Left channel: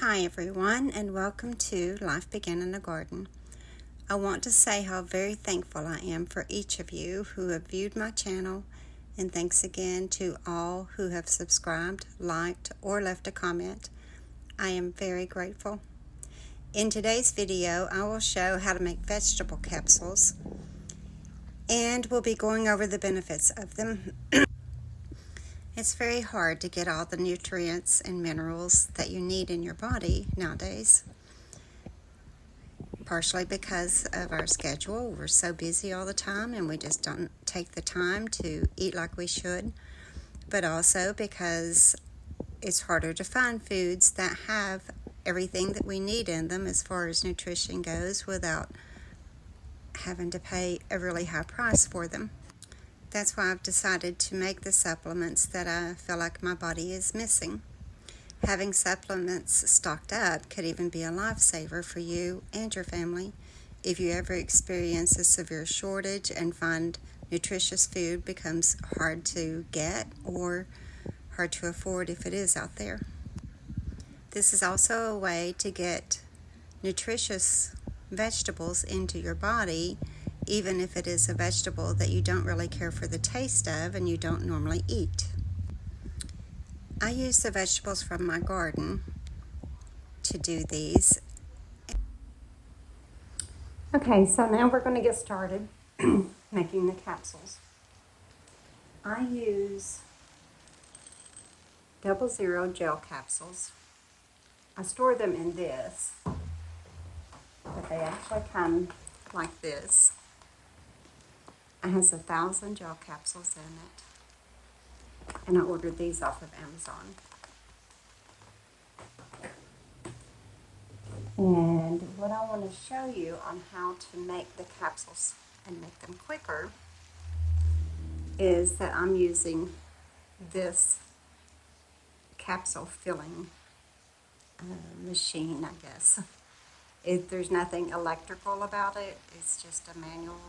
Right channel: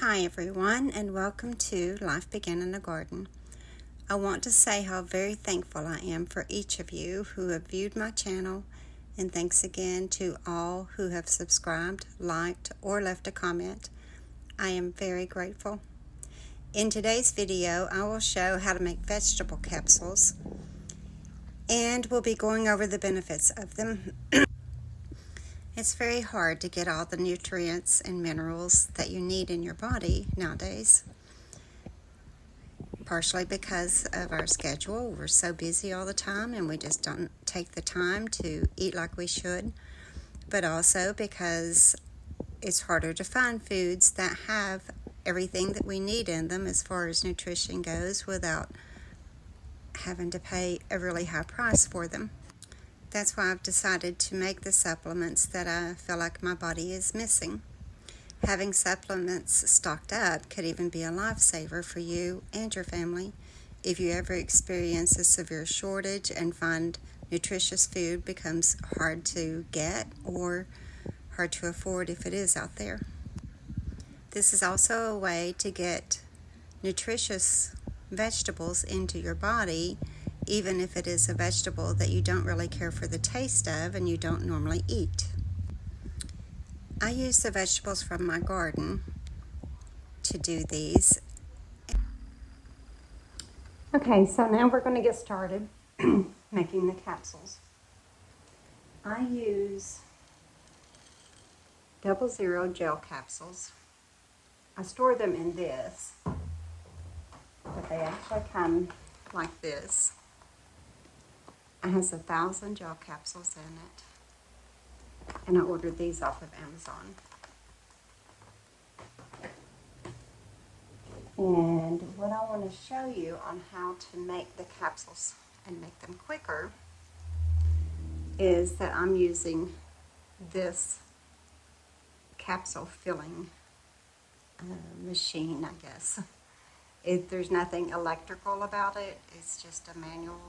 Hi everyone, and welcome to Life Began in the Garden. I want to say how very thankful I am for each of you who have viewed my channel, and thanks again to all who have subscribed, liked, or left a comment. I am very grateful. In today's video, I will show how to make vegetable capsules, and we'll be going over the benefits of them. It's very hard to get all the nutrients and minerals that you need in your body nowadays. Partially because of our schedule. We're so busy all the time and we just don't take the time to eat like we should. But also because it's harder to find foods that have everything that we need in them as far as nutrition goes without having to pay a really high price for them. That's why I've decided to make the supplements that I feel like my body is missing. Having supplements stocked up could even be a lifesaver for you and your family if you ever experience a severe shortage and find nutritious food becomes hard to get or hard to afford if it is out there. This is also a way to get nutritious vegetables into your body, even if it is a vegetable that you don't really care for the taste of and you don't normally eat. I use the vegetables from my garden to do these. Okay, so now we're going to get started making the capsules. I use 00 gel capsules. I store them in this, but they actually come like this. It has 1,000 gel capsules in it, and I ordered these off of Amazon. And what I want to show you on how to make the capsules and make them quicker is that I'm using this capsule filling machine, I guess. There's nothing electrical about it. It's just a manual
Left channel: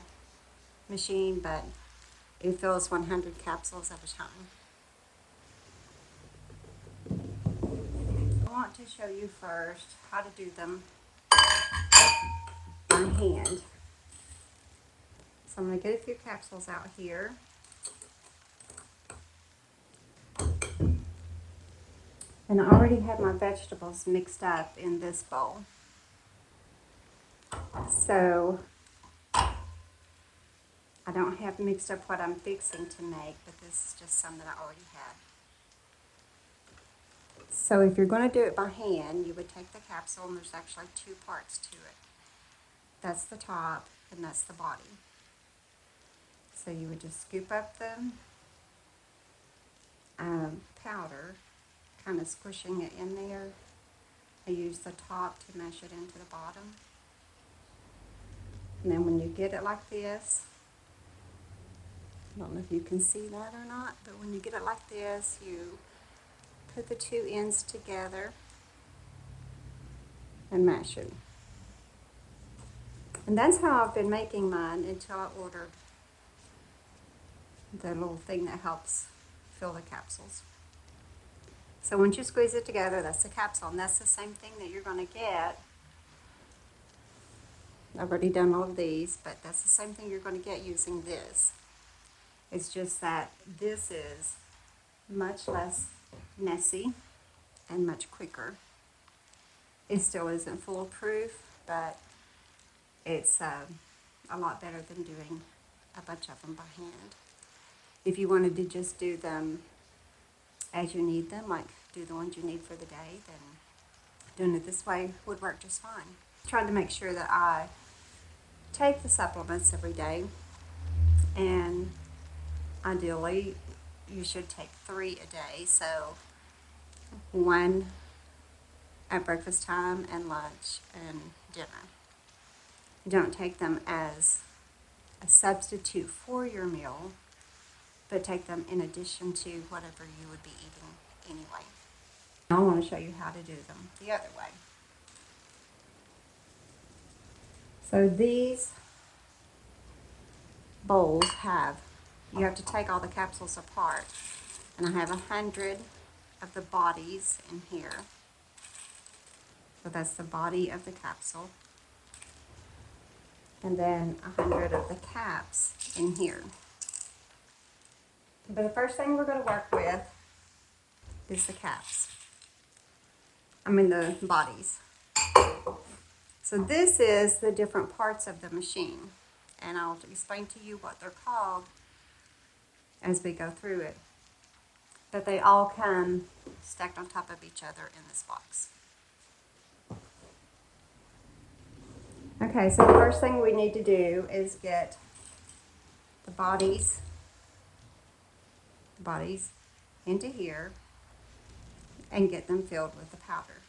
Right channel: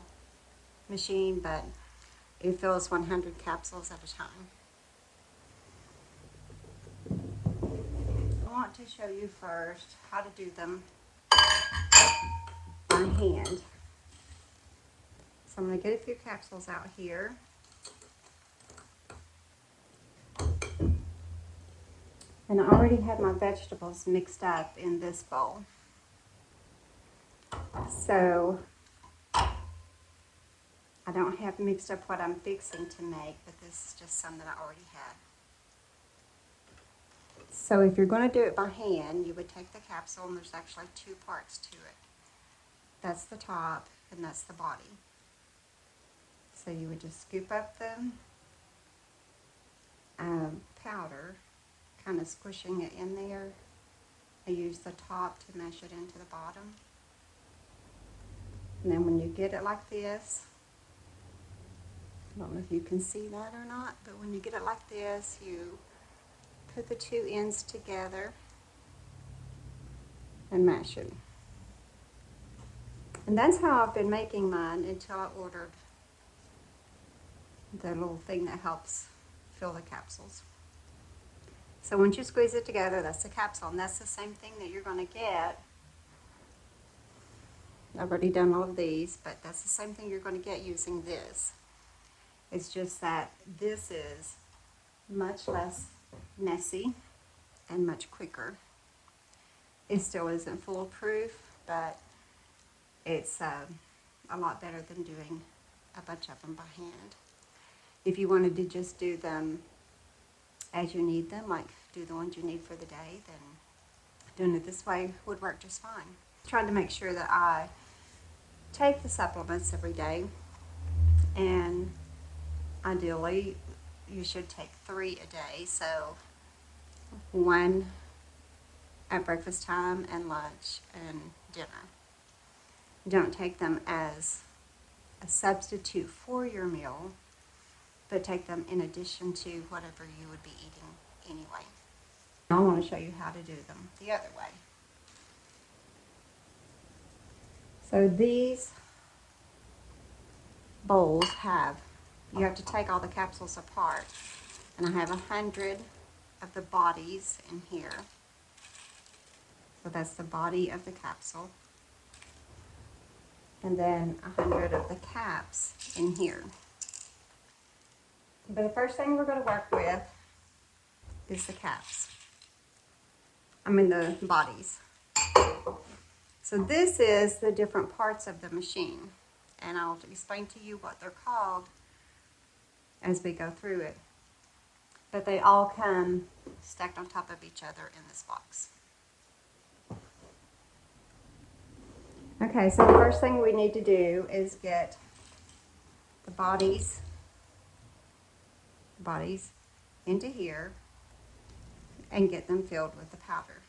machine, but it fills 100 capsules at a time. I want to show you first how to do them by hand. So I'm going to get a few capsules out here. And I already have my vegetables mixed up in this bowl. So I don't have mixed up what I'm fixing to make, but this is just some that I already had. So if you're going to do it by hand, you would take the capsule, and there's actually two parts to it. That's the top and that's the body. So you would just scoop up the powder, kind of squishing it in there. I use the top to mash it into the bottom. And then when you get it like this, I don't know if you can see that or not, but when you get it like this, you put the two ends together and mash it. And that's how I've been making mine until I ordered the little thing that helps fill the capsules. So once you squeeze it together, that's the capsule, and that's the same thing that you're going to get. I've already done all of these, but that's the same thing you're going to get using this. It's just that this is much less messy and much quicker. It still isn't foolproof, but it's a lot better than doing a bunch of them by hand. If you wanted to just do them as you need them, like do the ones you need for the day, then doing it this way would work just fine. Trying to make sure that I take the supplements every day, and ideally you should take 3 a day, so 1 at breakfast time and lunch and dinner. Don't take them as a substitute for your meal, but take them in addition to whatever you would be eating anyway. Now I want to show you how to do them the other way. So these bowls you have to take all the capsules apart, and I have 100 of the bodies in here. So that's the body of the capsule. And then 100 of the caps in here. But the first thing we're going to work with is the caps. The bodies. So this is the different parts of the machine. And I'll explain to you what they're called as we go through it. But they all come stacked on top of each other in this box. Okay, so the first thing we need to do is get the bodies into here and get them filled with the powder.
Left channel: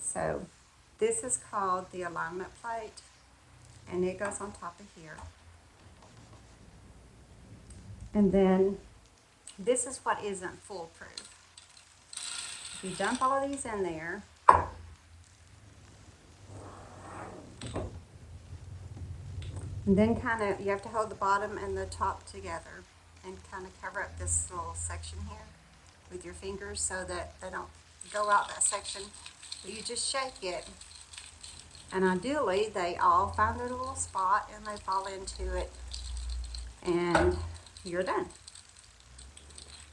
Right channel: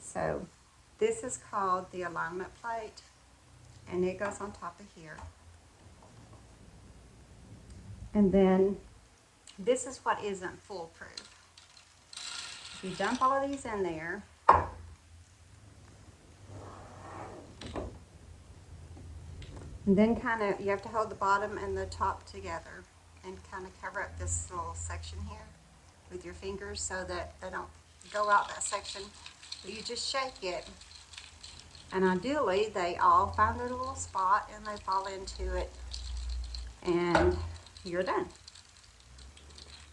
So this is called the alignment plate, and it goes on top of here. And then this is what isn't foolproof. If you dump all of these in there, and then you have to hold the bottom and the top together and kind of cover up this little section here with your fingers so that they don't go out that section. But you just shake it, and ideally they all find their little spot and they fall into it, and you're done.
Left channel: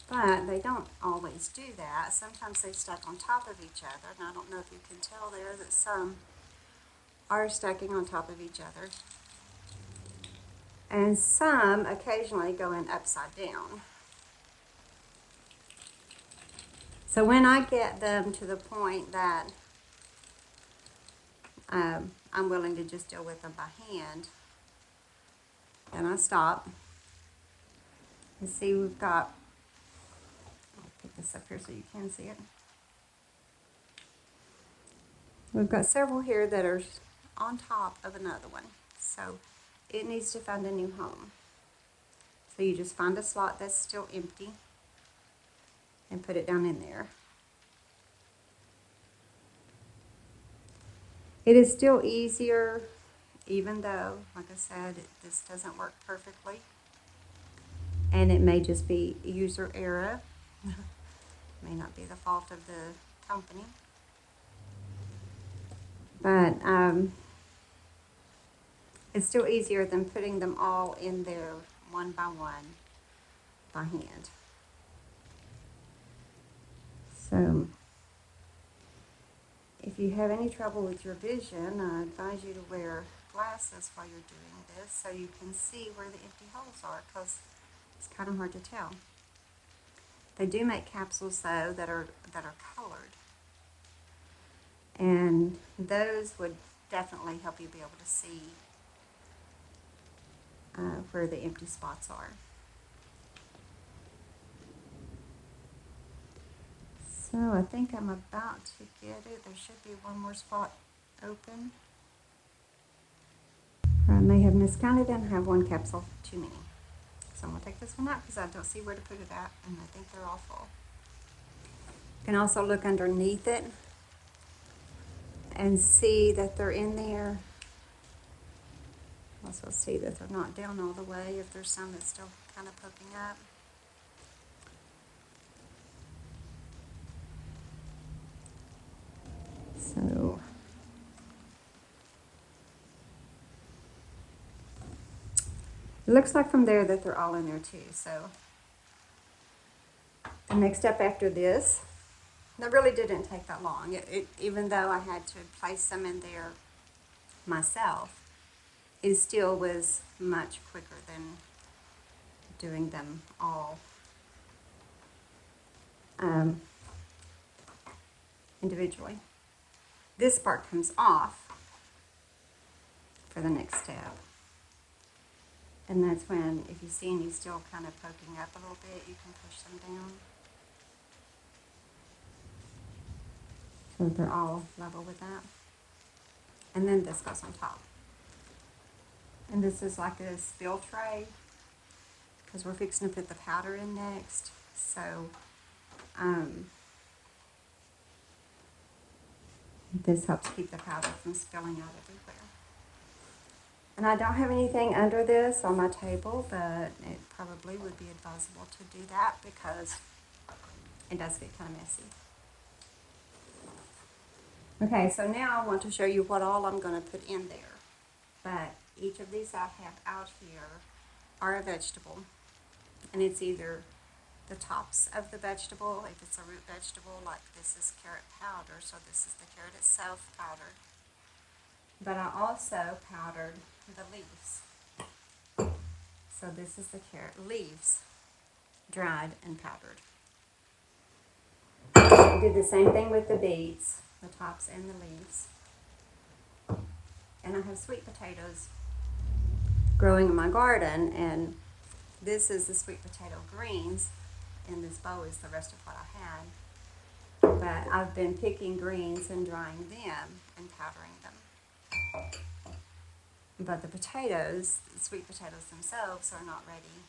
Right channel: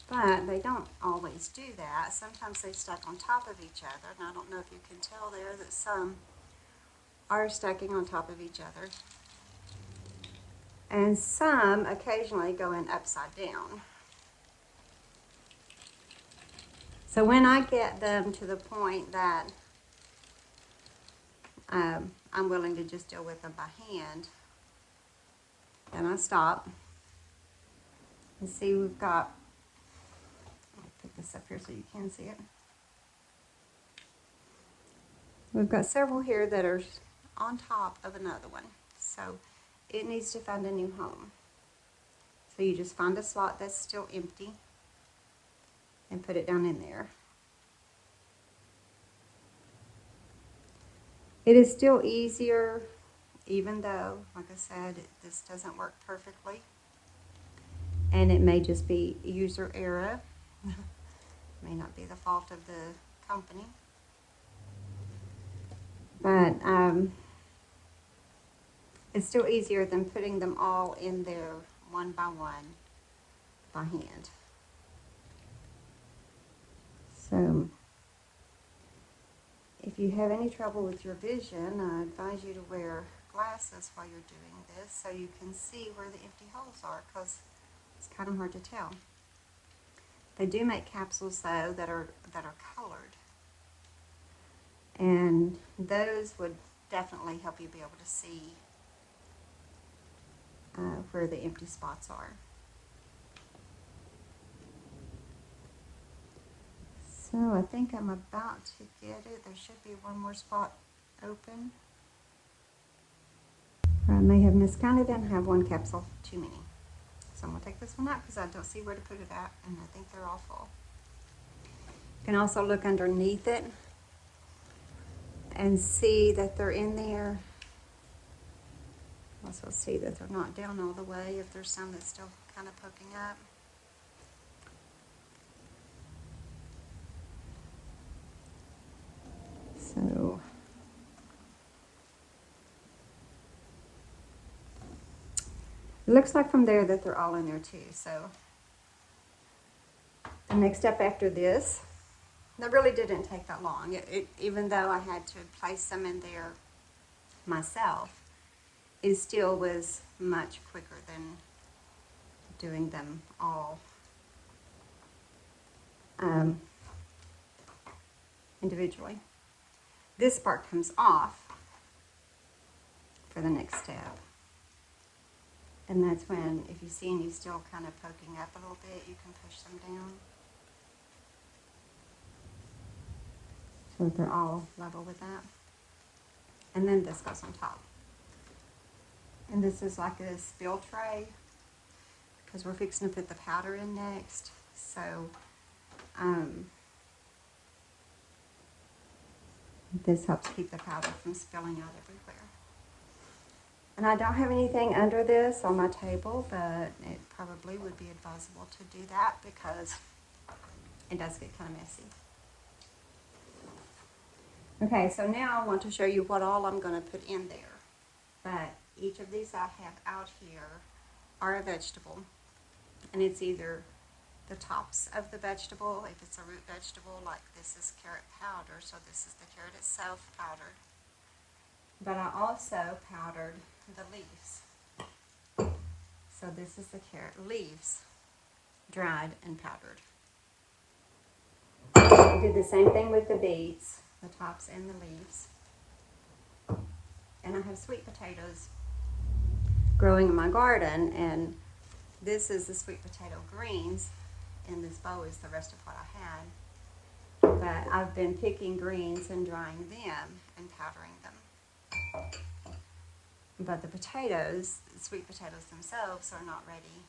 But they don't always do that. Sometimes they stack on top of each other, and I don't know if you can tell there that some are stacking on top of each other. And some occasionally go in upside down. So when I get them to the point that I'm willing to just deal with them by hand, then I stop. You see, we've got, I'll pick this up here so you can see it. We've got several here that are on top of another one. So it needs to find a new home. So you just find a slot that's still empty and put it down in there. It is still easier, even though, like I said, this doesn't work perfectly. And it may just be user error. May not be the fault of the company. But it's still easier than putting them all in there one by one by hand. So if you have any trouble with your vision, I advise you to wear glasses while you're doing this so you can see where the empty holes are, because it's kind of hard to tell. They do make capsules though that are colored, and those would definitely help you be able to see where the empty spots are. So I think I'm about to get it. There should be one more spot open. I may have miscounted and have one capsule too many. So I'm going to take this one out because I don't see where to put it at, and I think they're all full. You can also look underneath it and see that they're in there. Also see that they're not down all the way if there's some that's still kind of poking up. So it looks like from there that they're all in there too. So the next step after this, that really didn't take that long. Even though I had to place them in there myself, it still was much quicker than doing them all individually. This part comes off for the next step. And that's when, if you see any still kind of poking up a little bit, you can push them down. So they're all level with that. And then this goes on top. And this is like a spill tray because we're fixing to put the powder in next. So this helps keep the powder from spilling out everywhere. And I don't have anything under this on my table, but it probably would be advisable to do that because it does get kind of messy. Okay, so now I want to show you what all I'm going to put in there. But each of these I have out here are a vegetable. And it's either the tops of the vegetable, if it's a root vegetable, like this is carrot powder, so this is the carrot itself powdered. But I also powdered the leaves. So this is the carrot leaves, dried and powdered. I did the same thing with the beets, the tops and the leaves. And I have sweet potatoes growing in my garden, and this is the sweet potato greens, and this bowl is the rest of what I had. But I've been picking greens and drying them and powdering them. But the potatoes, the sweet potatoes themselves, are not ready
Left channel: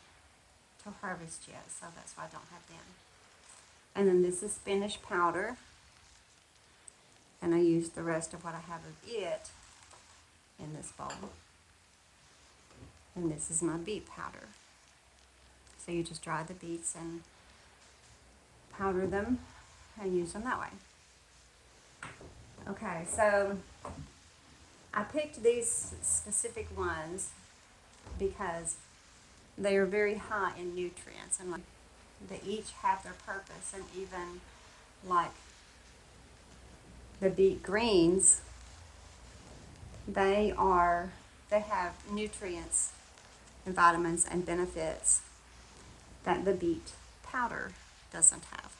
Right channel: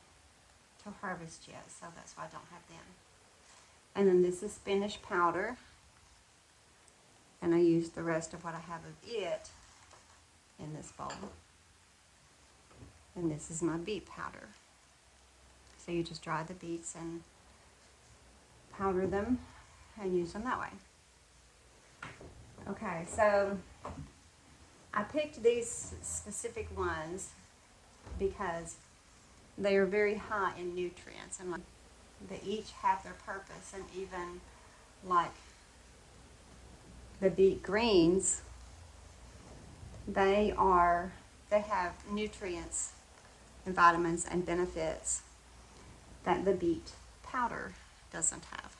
to harvest yet, so that's why I don't have them. And then this is spinach powder, and I used the rest of what I have of it in this bowl. And this is my beet powder. So you just dry the beets and powder them and use them that way. Okay, so I picked these specific ones because they are very high in nutrients, and they each have their purpose. And even like the beet greens, they have nutrients and vitamins and benefits that the beet powder doesn't have.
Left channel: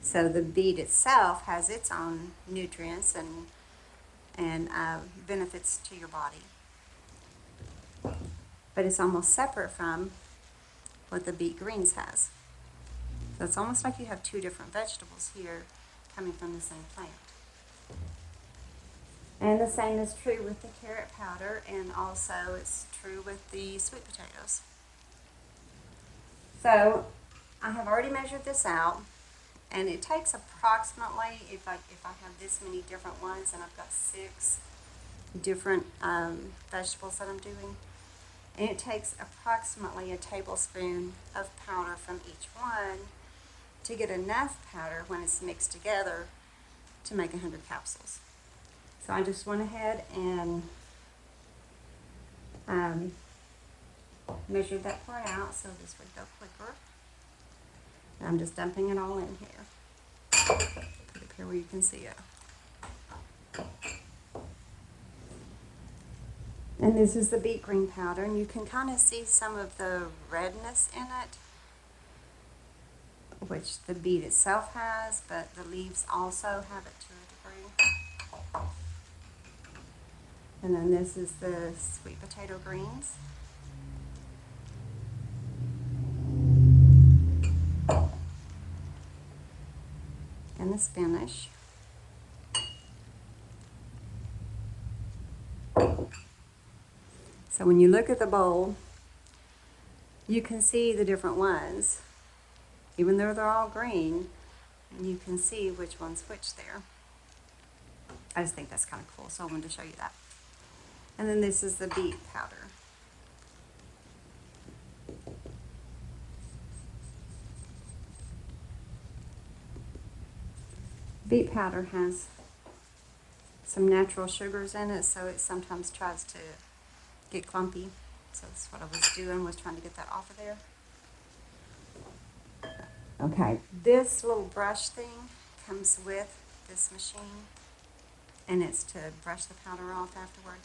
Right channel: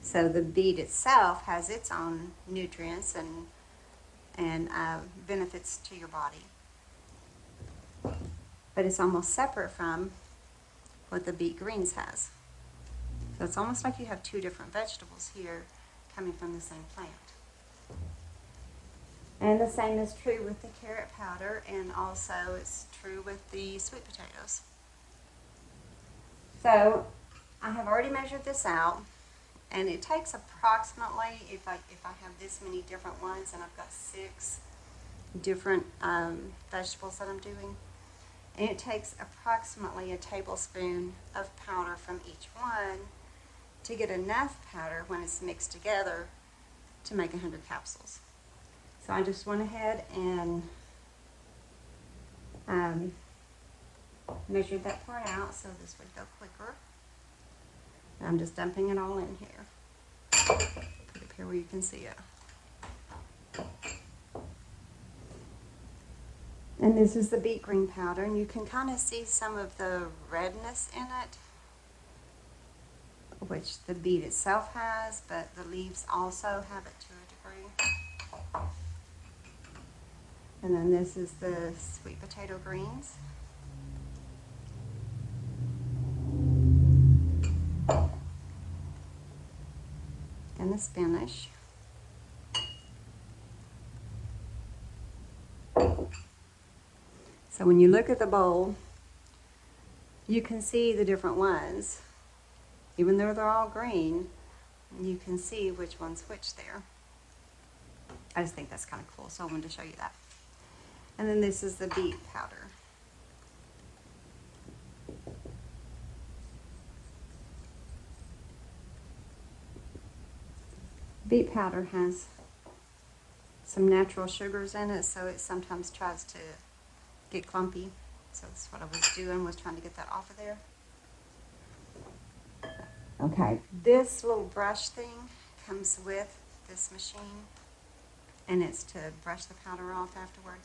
So the beet itself has its own nutrients and benefits to your body. But it's almost separate from what the beet greens has. So it's almost like you have two different vegetables here coming from the same plant. And the same is true with the carrot powder, and also it's true with the sweet potatoes. So I have already measured this out, and it takes approximately, if I have this many different ones, and I've got 6 different vegetables that I'm doing, and it takes approximately a tablespoon of powder from each one to get enough powder when it's mixed together to make 100 capsules. So I just went ahead and measured that part out so this would go quicker. And I'm just dumping it all in here. Put it here where you can see it. And this is the beet green powder, and you can kind of see some of the redness in it, which the beet itself has, but the leaves also have it to a degree. And then this is the sweet potato greens. And the spinach. So when you look at the bowl, you can see the different ones. Even though they're all green, you can see which one's which there. I just think that's kind of cool, so I wanted to show you that. And then this is the beet powder. Beet powder has some natural sugars in it, so it sometimes tries to get clumpy. So that's what I was doing, was trying to get that off of there. Okay, this little brush thing comes with this machine, and it's to brush the powder off afterward.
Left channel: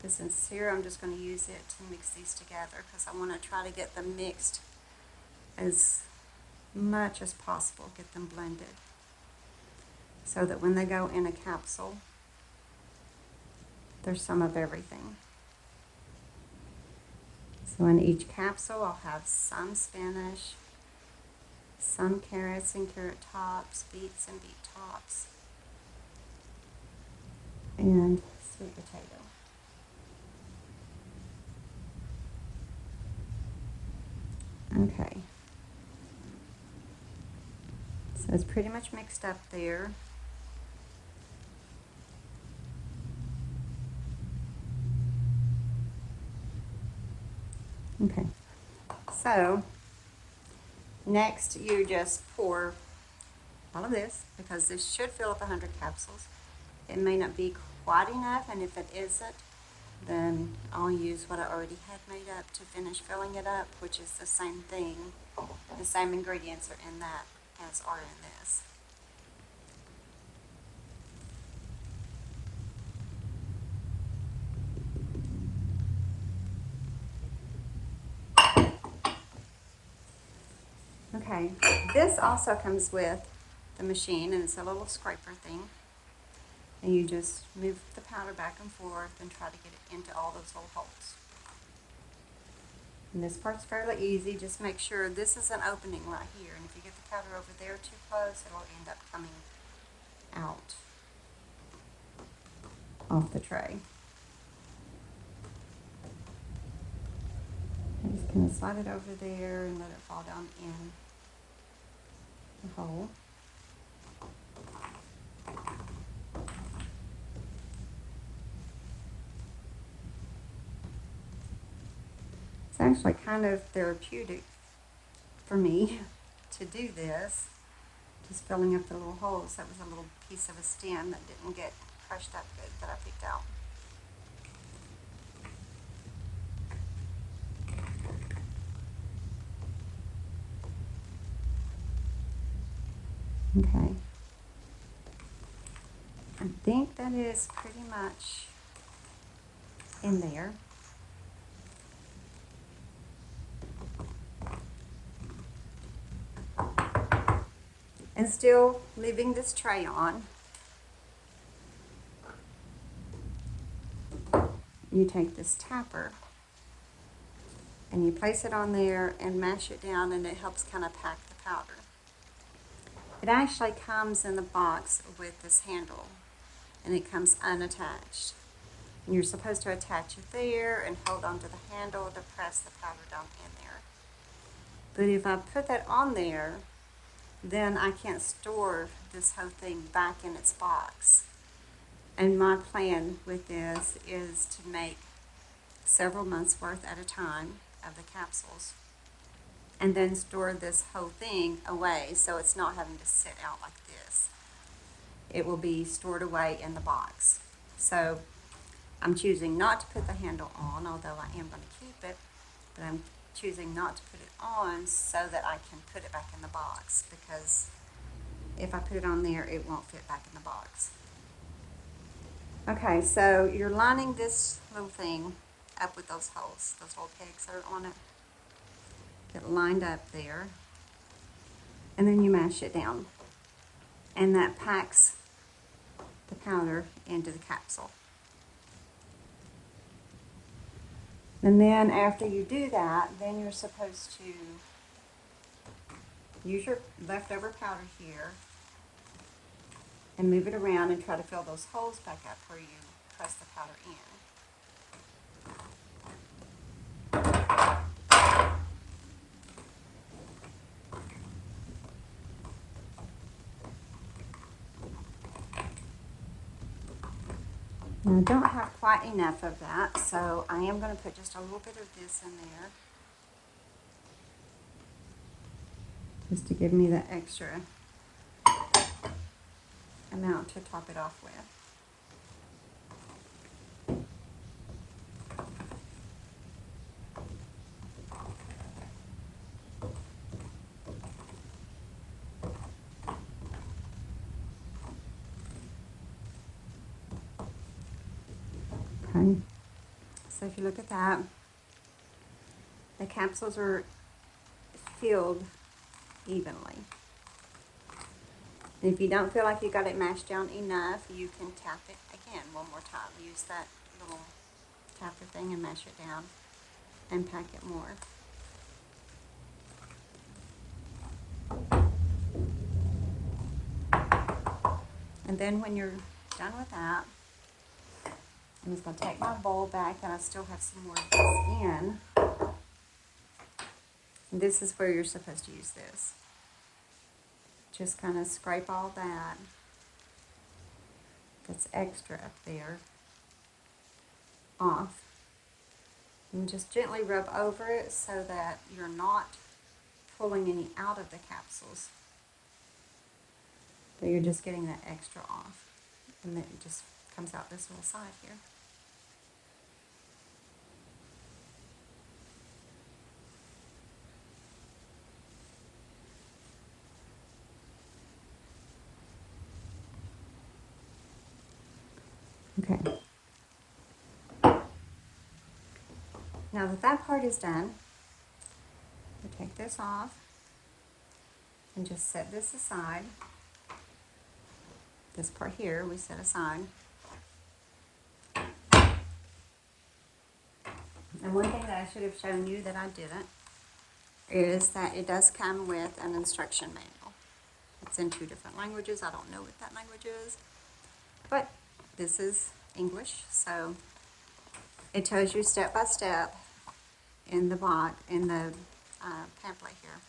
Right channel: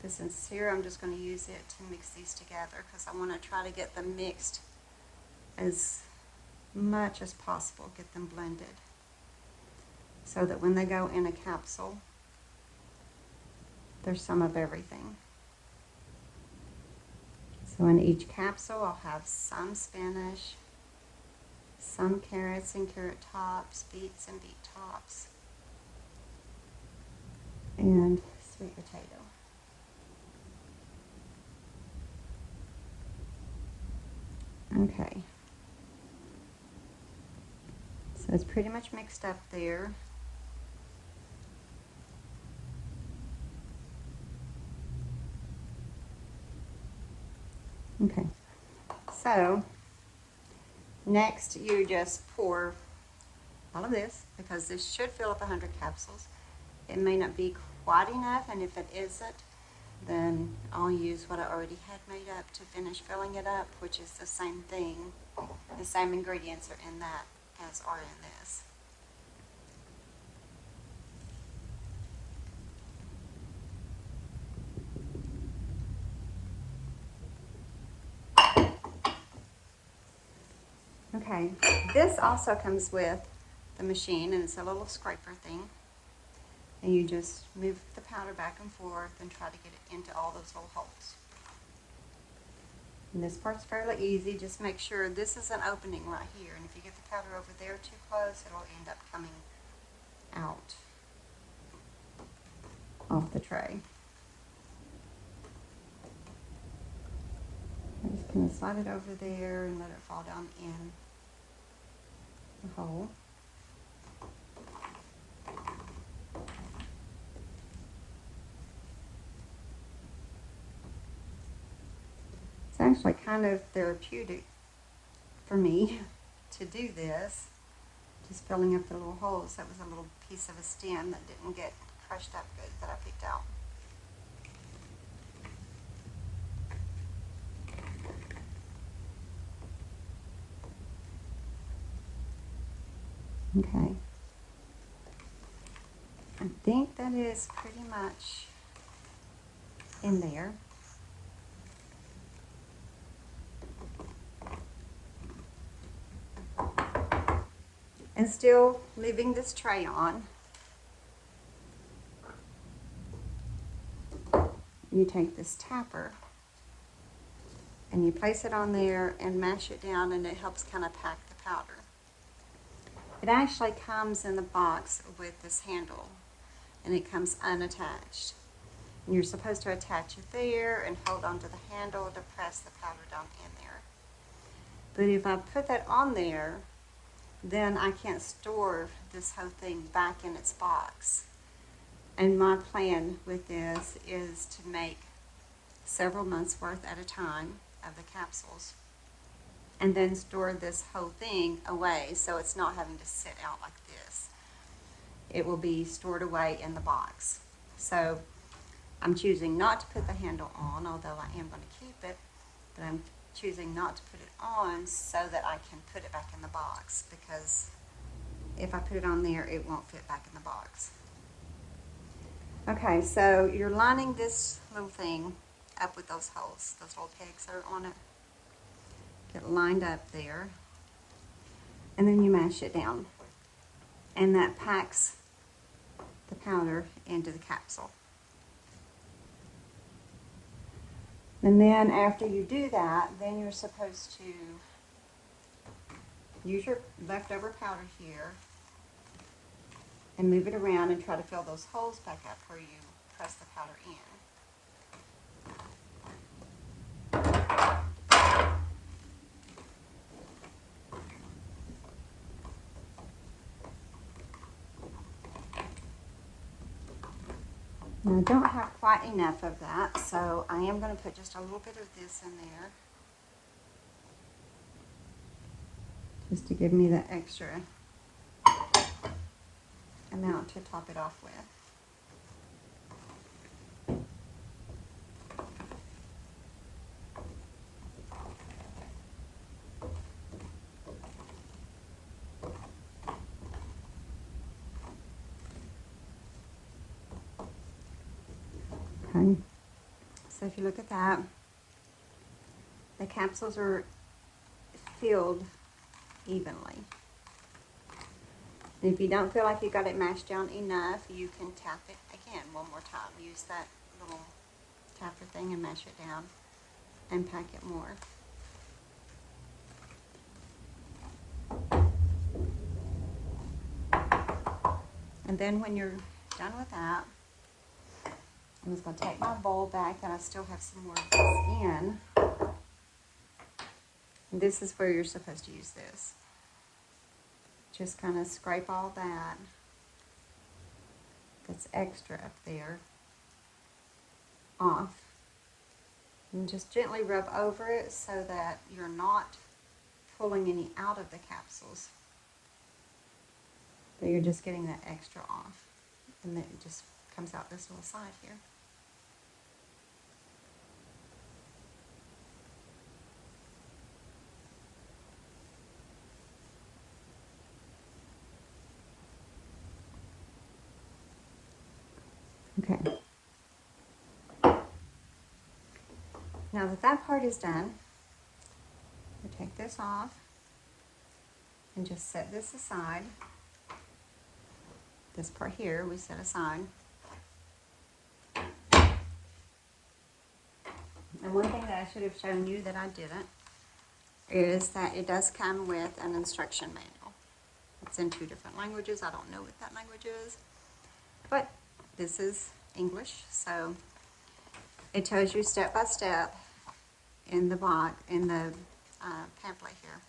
But since here, I'm just going to use it to mix these together because I want to try to get them mixed as much as possible, get them blended, so that when they go in a capsule, there's some of everything. So in each capsule, I'll have some spinach, some carrots and carrot tops, beets and beet tops, and sweet potato. Okay. So it's pretty much mixed up there. Okay. So next, you just pour all of this, because this should fill up 100 capsules. It may not be quite enough, and if it isn't, then I'll use what I already had made up to finish filling it up, which is the same thing. The same ingredients are in that as are in this. Okay, this also comes with the machine, and it's a little scraper thing. And you just move the powder back and forth and try to get it into all those little holes. And this part's fairly easy. Just make sure this is an opening right here. And if you get the powder over there too close, it'll end up coming out off the tray. I'm just going to slide it over there and let it fall down in the hole. It's actually kind of therapeutic for me to do this, just filling up the little holes. That was a little piece of a stem that didn't get crushed up good that I picked out. Okay. I think that is pretty much in there. And still leaving this tray on, you take this tapper and you place it on there and mash it down, and it helps kind of pack the powder. It actually comes in the box with this handle, and it comes unattached. And you're supposed to attach it there and hold onto the handle to press the powder down in there. But if I put that on there, then I can't store this whole thing back in its box. And my plan with this is to make several months worth at a time of the capsules, and then store this whole thing away so it's not having to sit out like this. It will be stored away in the box. So I'm choosing not to put the handle on, although I am going to keep it, but I'm choosing not to put it on so that I can put it back in the box, because if I put it on there, it won't fit back in the box. Okay, so you're lining this little thing up with those holes, those little pegs that are on it. Get lined up there, and then you mash it down, and that packs the powder into the capsule. And then after you do that, then you're supposed to use your leftover powder here and move it around and try to fill those holes back up where you press the powder in. I don't have quite enough of that, so I am going to put just a little bit of this in there, just to give me that extra amount to top it off with. The capsules are filled evenly. And if you don't feel like you got it mashed down enough, you can tap it again one more time. Use that little tapper thing and mash it down and pack it more. And then when you're done with that, I'm just going to take my bowl back, and I still have some more of this in. And this is where you're supposed to use this. Just kind of scrape all that's extra up there off. And just gently rub over it so that you're not pulling any out of the capsules. So you're just getting that extra off. And then it just comes out this little side here. Okay. Now that that part is done, we take this off and just set this aside. This part here we set aside. And one thing that I should have shown you that I didn't is that it does come with an instruction manual. It's in 2 different languages. I don't know what that language is, but this is English, so it tells you step by step in the pamphlet here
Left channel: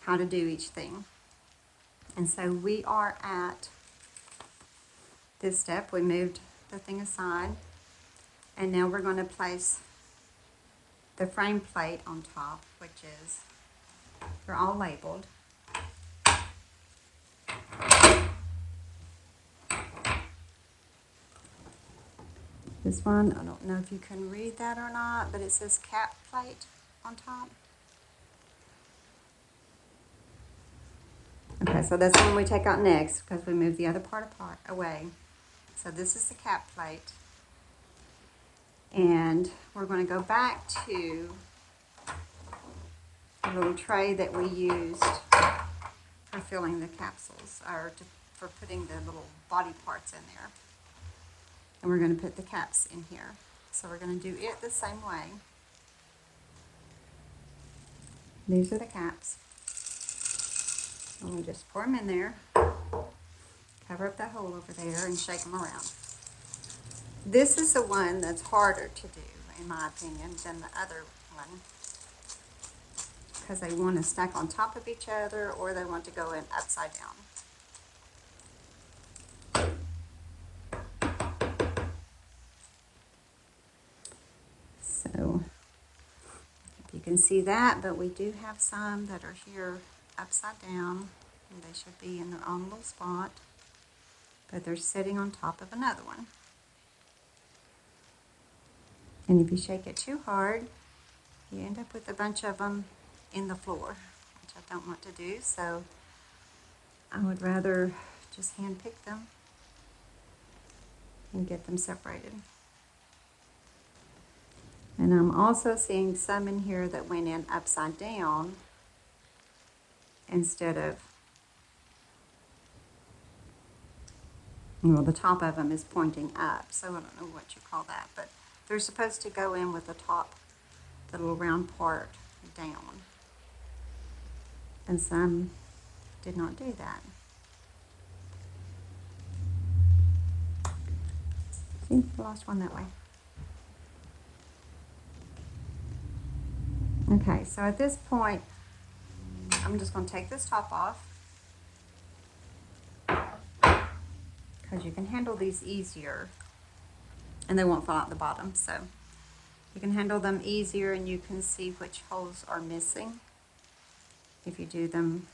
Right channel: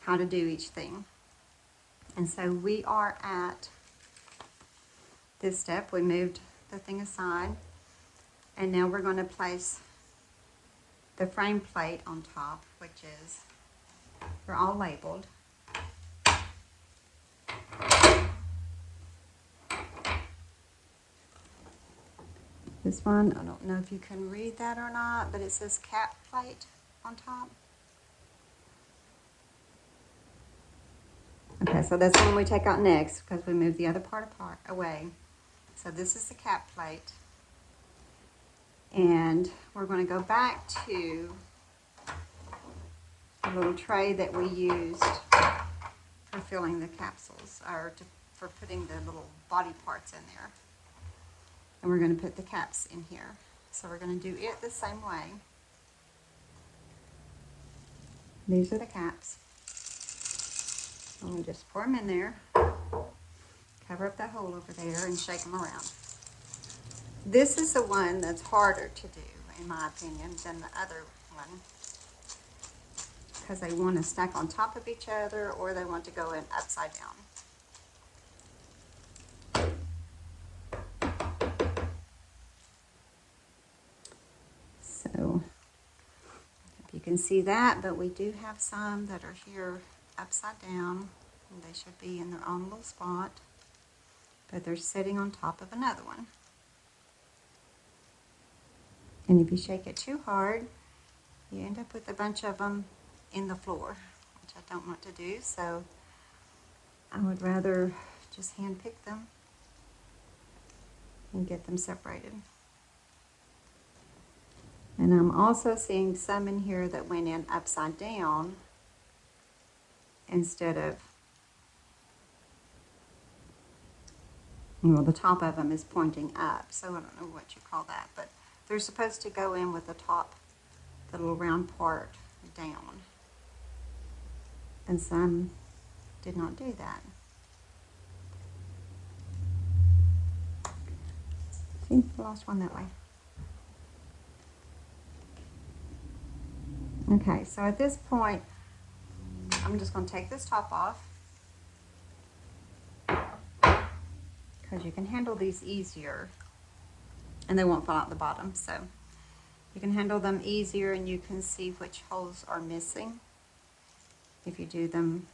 how to do each thing. And so we are at this step. We moved the thing aside, and now we're going to place the frame plate on top, which is, they're all labeled. This one, I don't know if you can read that or not, but it says cap plate on top. Okay, so this one we take out next because we move the other part away. So this is the cap plate. And we're going to go back to the little tray that we used for filling the capsules, or for putting the little body parts in there. And we're going to put the caps in here. So we're going to do it the same way. These are the caps. I'm going to just pour them in there, cover up that hole over there, and shake them around. This is the one that's harder to do, in my opinion, than the other one, because they want to stack on top of each other, or they want to go in upside down. So, you can see that, but we do have some that are here upside down, and they should be in their own little spot, but they're sitting on top of another one. And if you shake it too hard, you end up with a bunch of them in the floor, which I don't want to do, so I would rather just hand pick them and get them separated. And I'm also seeing some in here that went in upside down instead of, well, the top of them is pointing up, so I don't know what you call that, but they're supposed to go in with the top, the little round part down. And some did not do that. See, last one that way. Okay, so at this point, I'm just going to take this top off, because you can handle these easier and they won't fall out the bottom, so you can handle them easier, and you can see which holes are missing if you do them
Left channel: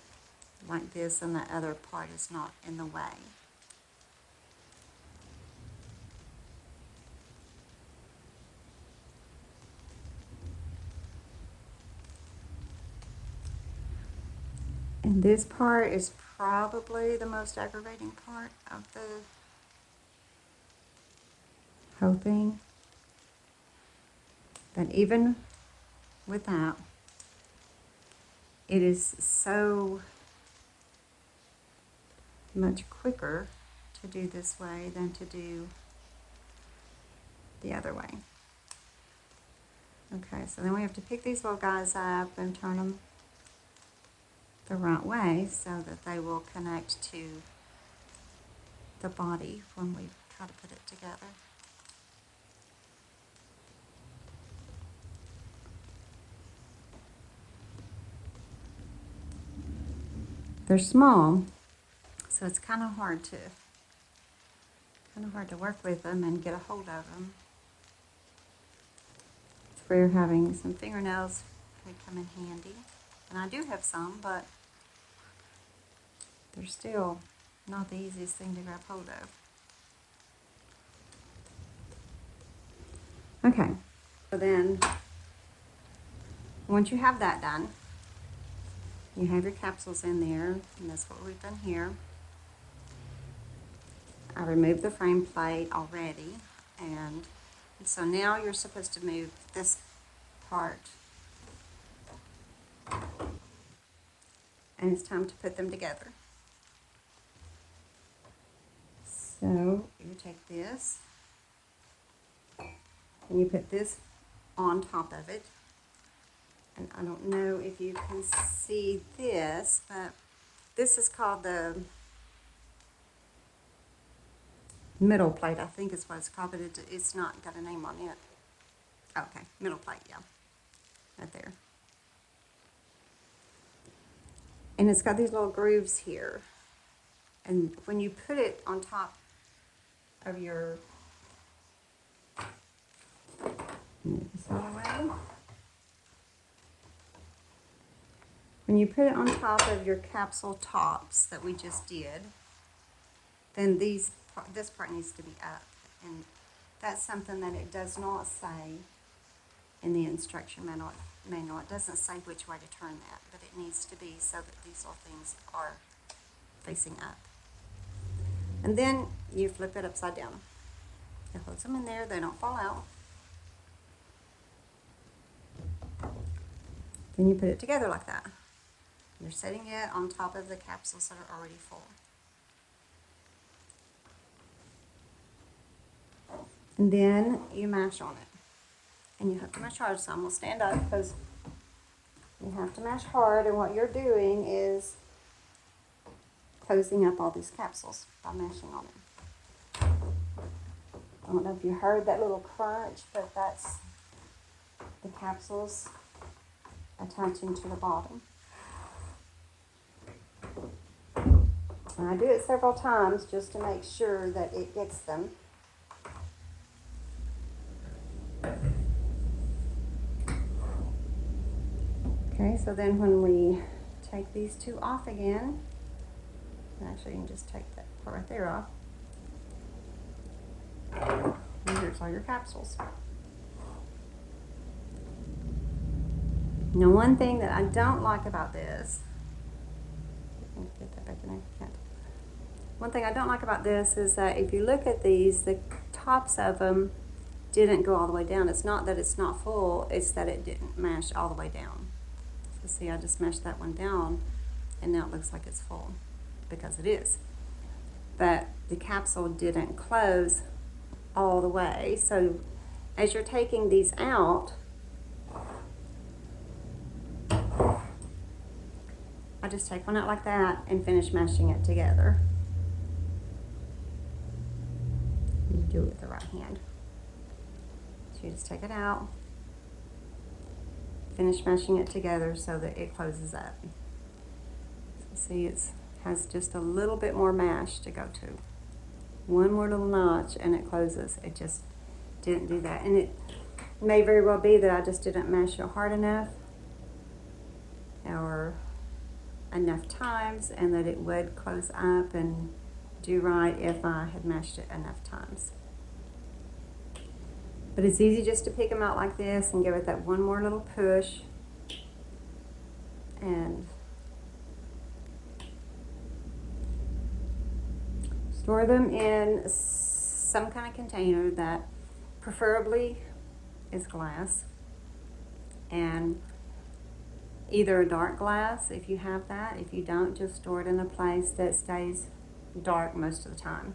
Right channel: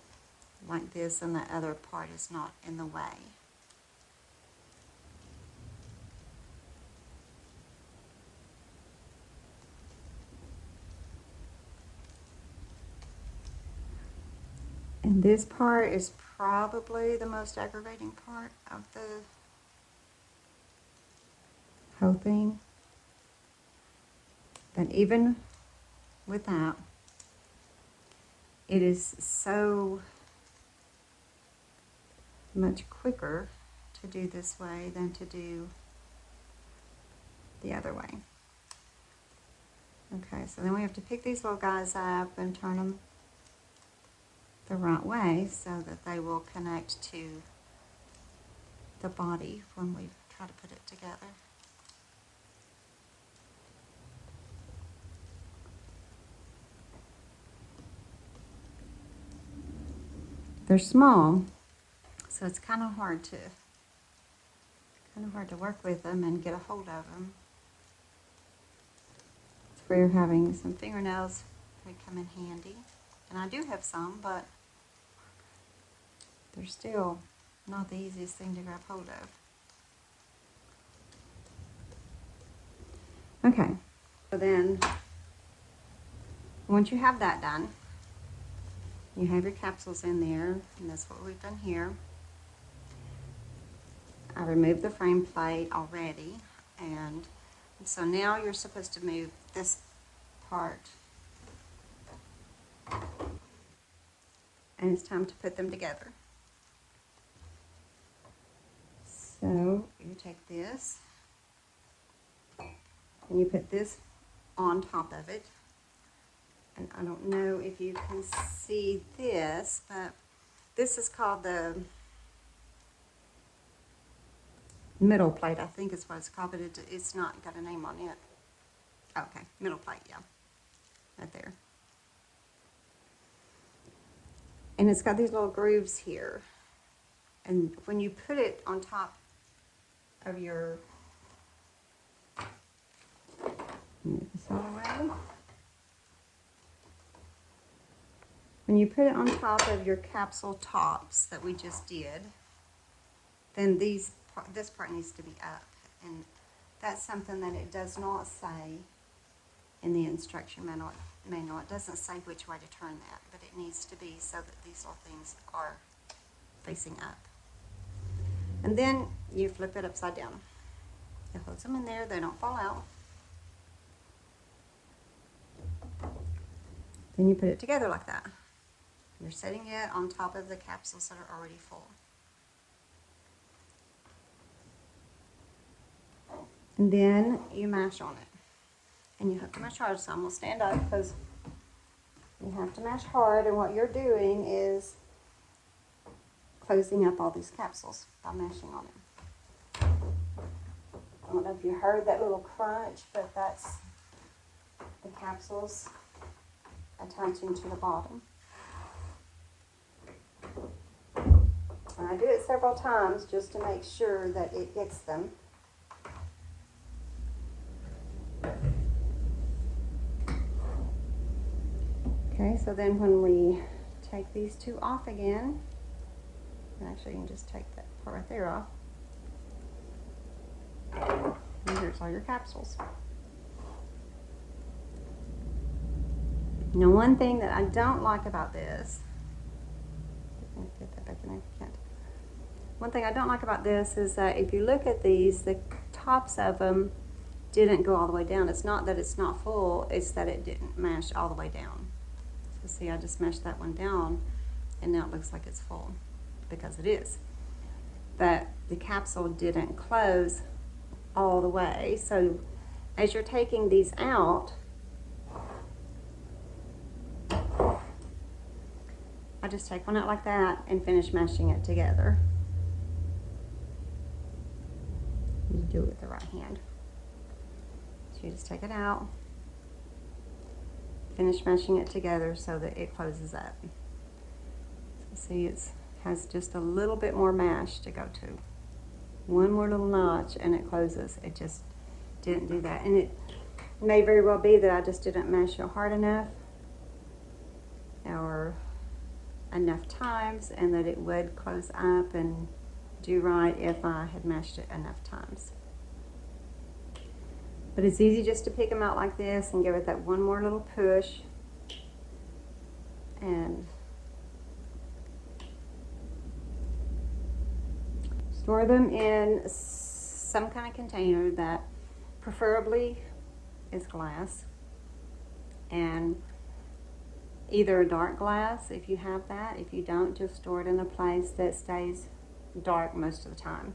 like this and the other part is not in the way. And this part is probably the most aggravating part of the whole thing. But even with that, it is so much quicker to do this way than to do the other way. Okay, so then we have to pick these little guys up and turn them the right way so that they will connect to the body when we try to put it together. They're small, so it's kind of hard to work with them and get a hold of them. If we're having some fingernails, they come in handy. And I do have some, but they're still not the easiest thing to grab hold of. Okay, so then once you have that done, you have your capsules in there, and that's what we've done here. I removed the frame plate already, and so now you're supposed to move this part, and it's time to put them together. So you take this, and you put this on top of it. And I don't know if you can see this, but this is called the middle plate, I think is what it's called, but it's not got a name on it. Okay, middle plate, yeah, right there. And it's got these little grooves here. And when you put it on top of your, when you put it on top of your capsule tops that we just did, then this part needs to be up. And that's something that it does not say in the instruction manual. It doesn't say which way to turn that, but it needs to be so that these little things are facing up. And then you flip it upside down. It holds them in there, they don't fall out. Then you put it together like that. You're setting it on top of the capsules that are already full. And then you mash on it. And you have to mash hard, so I'm going to stand up because you have to mash hard, and what you're doing is closing up all these capsules by mashing on it. I don't know if you heard that little crunch, but that's the capsules attaching to the bottom. And I do it several times just to make sure that it gets them. Okay, so then when we take these two off again, actually you can just take that part right there off. And there's all your capsules. Now one thing that I don't like about this, one thing I don't like about this is that if you look at these, the tops of them didn't go all the way down. It's not that it's not full, it's that it didn't mash all the way down. So see, I just mashed that one down and now it looks like it's full because it is. But the capsule didn't close all the way. So as you're taking these out, I just take one out like that and finish mashing it together. You do it with the right hand. So you just take it out, finish mashing it together so that it closes up. So see, it has just a little bit more mash to go to. One more little notch and it closes. It just didn't do that. And it may very well be that I just didn't mash it hard enough or enough times, and that it would close up and do right if I had mashed it enough times. But it's easy just to pick them out like this and give it that one more little push and store them in some kind of container that preferably is glass, and either a dark glass if you have that. If you don't, just store it in a place that stays dark most of the time,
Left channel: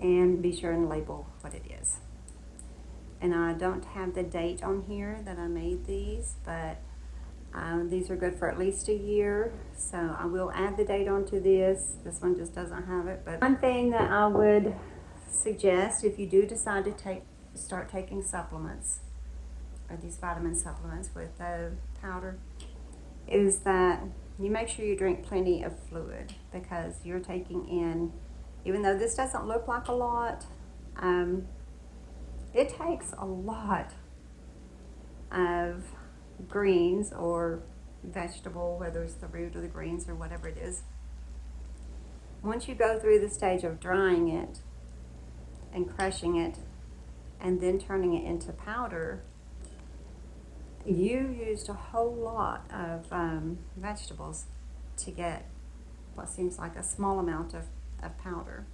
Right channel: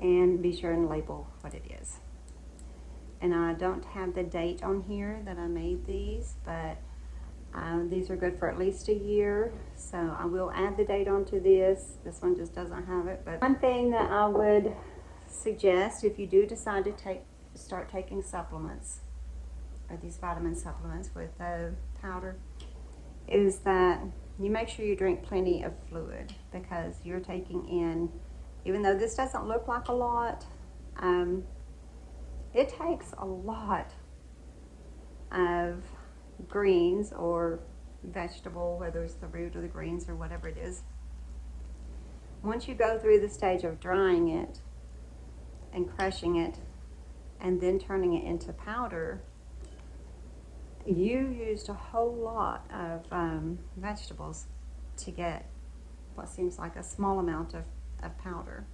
and be sure and label what it is. And I don't have the date on here that I made these, but these are good for at least a year, so I will add the date onto this. This one just doesn't have it. But one thing that I would suggest if you do decide to start taking supplements, or these vitamin supplements with the powder, is that you make sure you drink plenty of fluid, because you're taking in, even though this doesn't look like a lot, it takes a lot of greens or vegetable, whether it's the root or the greens or whatever it is, once you go through the stage of drying it and crushing it and then turning it into powder, you used a whole lot of vegetables to get what seems like a small amount of powder.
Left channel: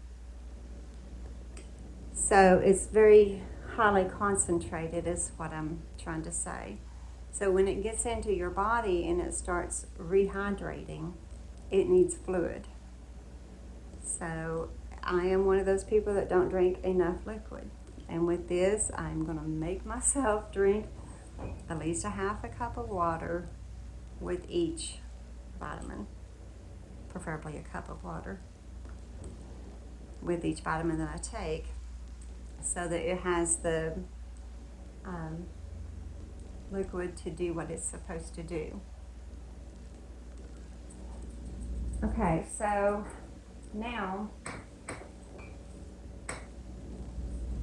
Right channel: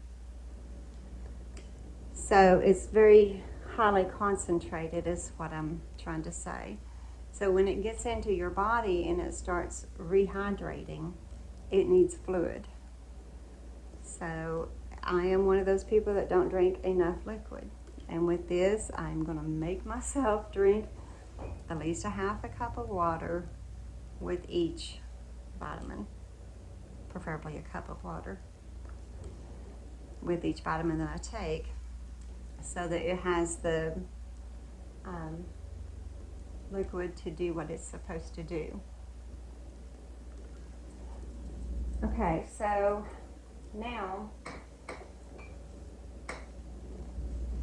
So it's very highly concentrated is what I'm trying to say. So when it gets into your body and it starts rehydrating, it needs fluid. So I am one of those people that don't drink enough liquid. And with this, I'm going to make myself drink at least a half a cup of water with each vitamin, preferably a cup of water with each vitamin that I take, so that it has the liquid to do what it's supposed to do. Okay, so now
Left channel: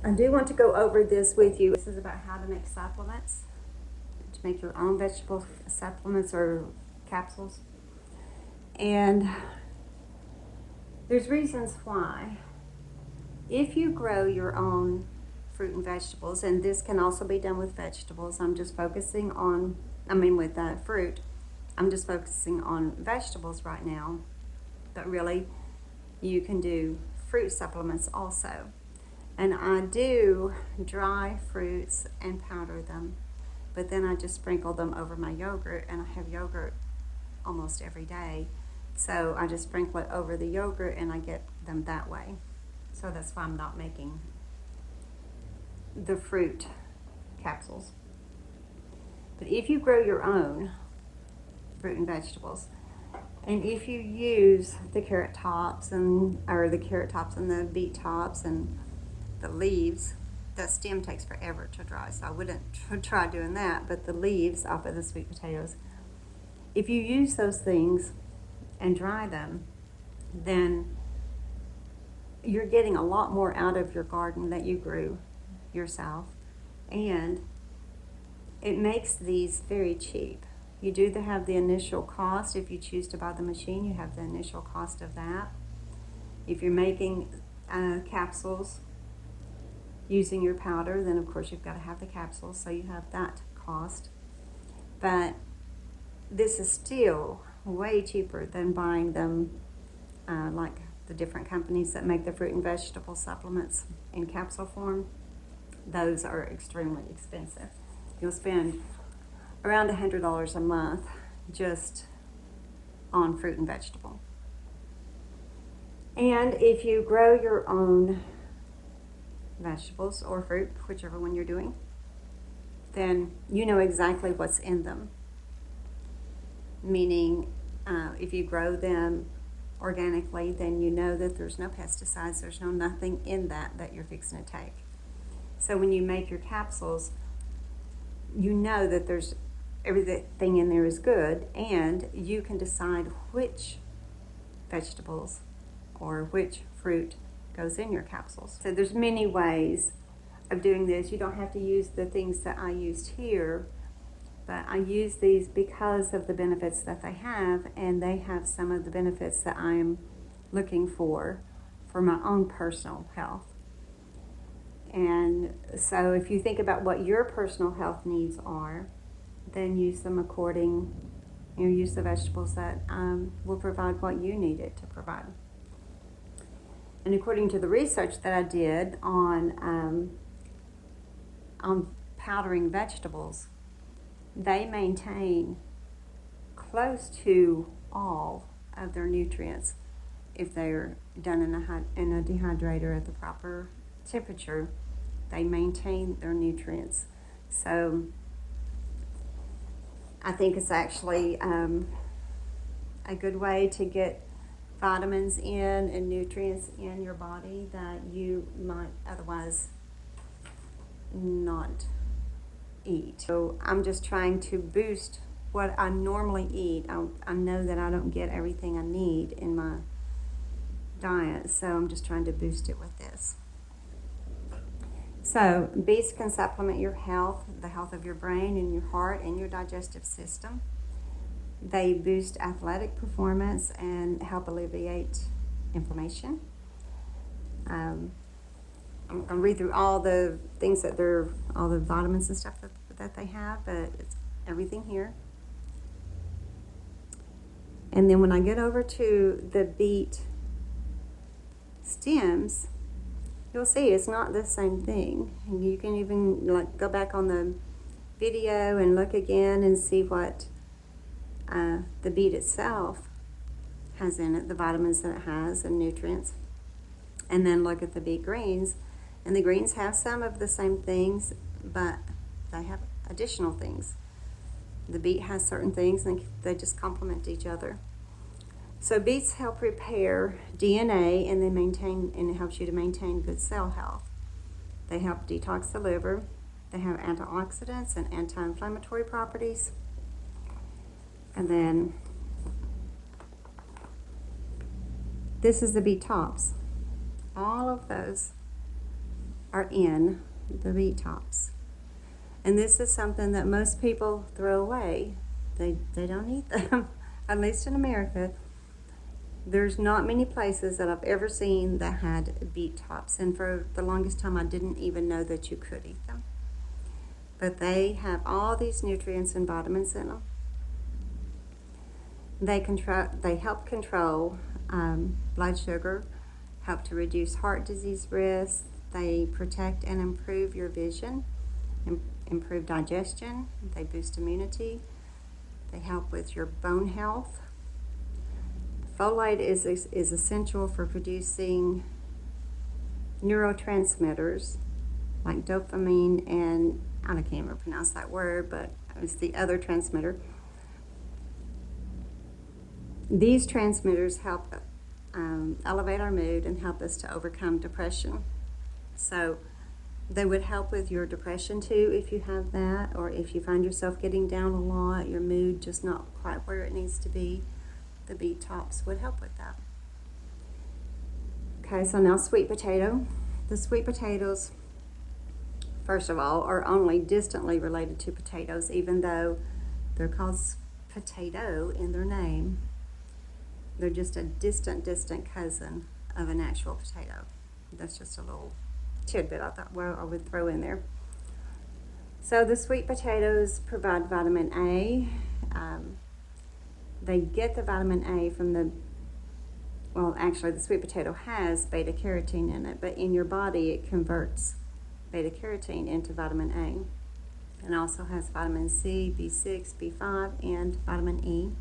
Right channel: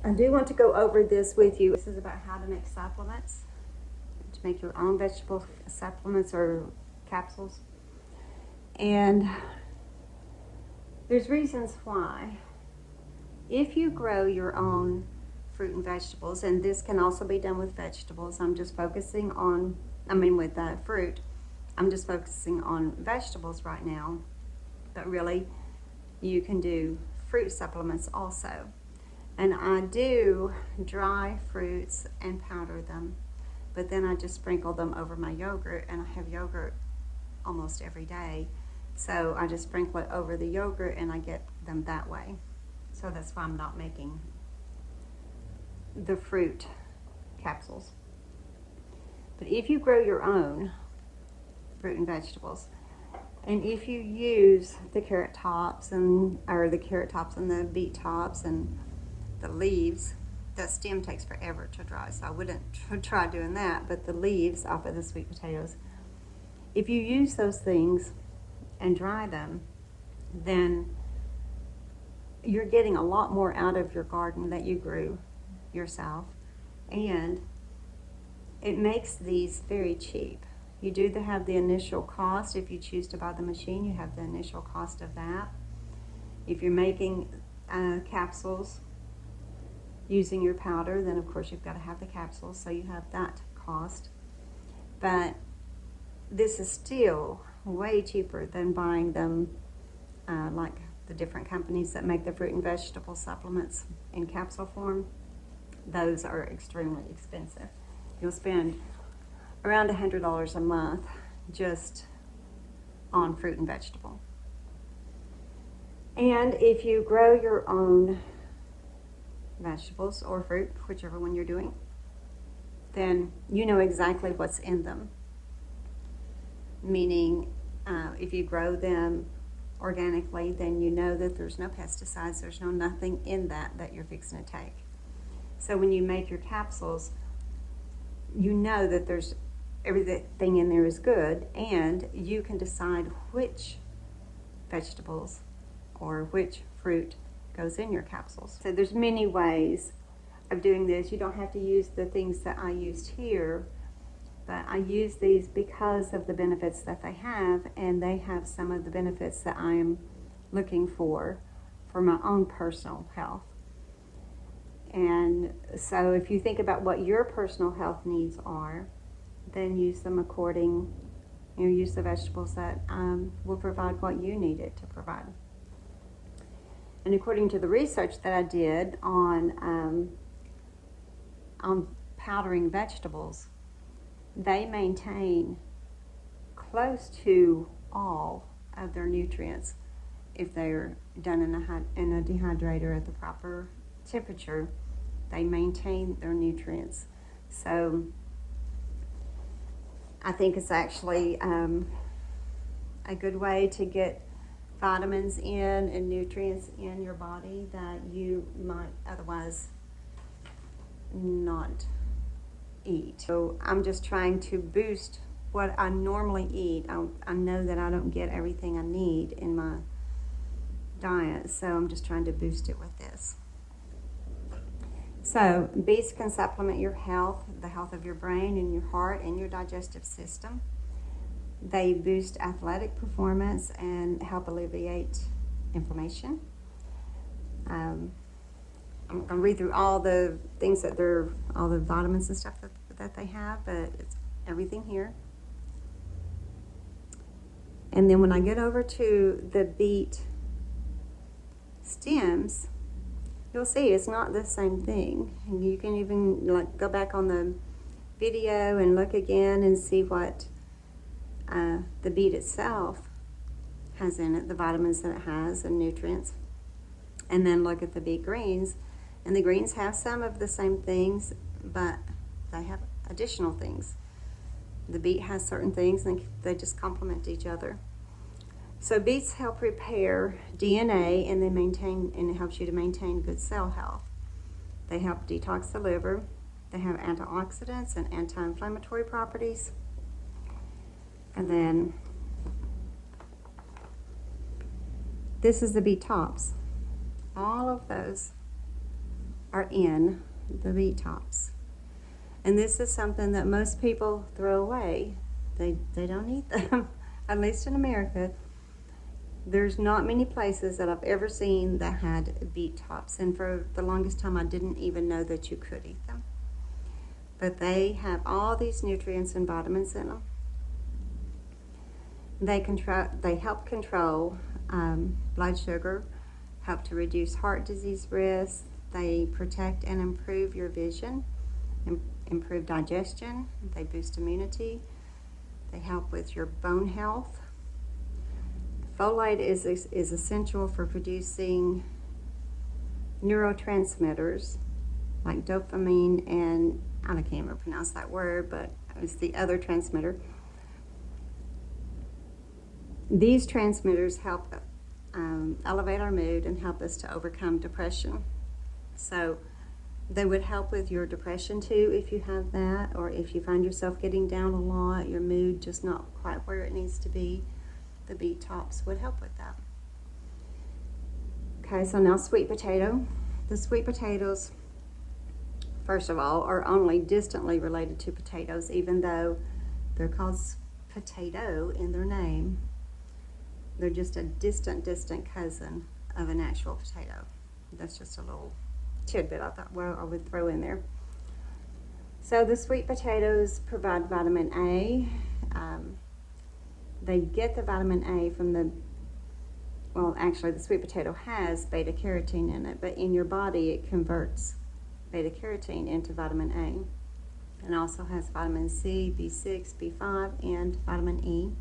I do want to go over this with you. This is about how to make supplements, to make your own vegetable supplements or capsules. And there's reasons why. If you grow your own fruit and vegetables, and this can also be done with vegetables, I'm just focusing on, with fruit, I'm just focusing on vegetables right now, but really you can do fruit supplements also. And I do dry fruits and powder them, but then I just sprinkle them over my yogurt, and I have yogurt almost every day. So I just sprinkle it over the yogurt and I get them that way. So that's why I'm not making the fruit capsules. But if you grow your own fruit and vegetables, and if you use the carrot tops and the beet tops and the leaves, the stem takes forever to dry, so I wouldn't try doing that, but the leaves off of the sweet potatoes, if you use those things and dry them, then you're getting a lot more out of your garden that you grew yourself, and it makes these very cheap. You do have the initial cost. If you choose to buy the machine, you have the initial cost of that. If you're making capsules using your powder, then of course you've got to have the capsules, so you have that cost. But this is still way cheaper than buying them like the different companies that make the fruit and vegetable supplements in capsule form. Those are extremely expensive. You'll spend around $100 a month just on fruit and vegetable. And if you grow your own vegetables or fruit, whichever one you're doing, then you know exactly what's in them. Meaning, if you grow them organically, then you know that there's no pesticides, there's nothing in that you're fixing to take. So when you make your capsules, you know that there's everything in there is good, and you can decide which vegetables or which fruit goes in your capsules. So there's many ways of doing this. You don't have to use the things that I used here, but I use these because of the benefits that they have, and they have some of the benefits that I am looking for my own personal health. And so if you think about what your personal health needs are, then use them according, use the vegetables that will provide what you need it to provide. And according to the research that I did on powdering vegetables, they maintain close to all of their nutrients if they're done in a dehydrator at the proper temperature. They maintain their nutrients. So I think it's actually a good way to get vitamins in and nutrients in your body that you might otherwise not eat. So I'm just trying to boost what I normally eat. I know that I don't get everything I need in my diet, so I'm just trying to boost it with this. So beets can supplement your health, the health of your brain and your heart and your digestive system. They boost athletic performance and help alleviate inflammation. I'll read through all the things that all the vitamins and stuff that they have, but it's everything here. And then when I get over to the beet stems, you'll see it's not the same thing. And you can even like go back on the video and look again and see what the beet itself has in it, the vitamins that it has and nutrients. And then look at the beet greens. And the greens have some of the same things, but they have additional things. The beet has certain things and they just complement each other. So beets help repair DNA and it helps you to maintain good cell health. They help detox the liver. They have antioxidants and anti-inflammatory properties. And then this is the beet tops. All of those are in the beet tops. And this is something that most people throw away. They don't eat them, at least in America. There's not many places that I've ever seen that had beet tops. And for the longest time, I didn't even know that you could eat them. But they have all these nutrients and vitamins in them. They help control blood sugar, help to reduce heart disease risk. They protect and improve your vision, improve digestion. They boost immunity. They help with your bone health. Folate is essential for producing neurotransmitters like dopamine and, I can't even pronounce that word, but it's the other transmitter. These transmitters help elevate our mood and help us to overcome depression. So they would help with your depression too if you have that, or if you find yourself getting down a lot, your mood just not quite where it needs to be. The beet tops would help with that. Okay, so now sweet potato. The sweet potatoes, first of all, are only distantly related to potatoes, even though they're called potato in their name. They're just a distant cousin of an actual potato. That's just a little tidbit I thought I would throw in there. So the sweet potatoes provide vitamin A. They get the vitamin A from the sweet potato has beta carotene in it, but in your body it converts beta carotene into vitamin A. And also has vitamin C, B6, B5, and vitamin E.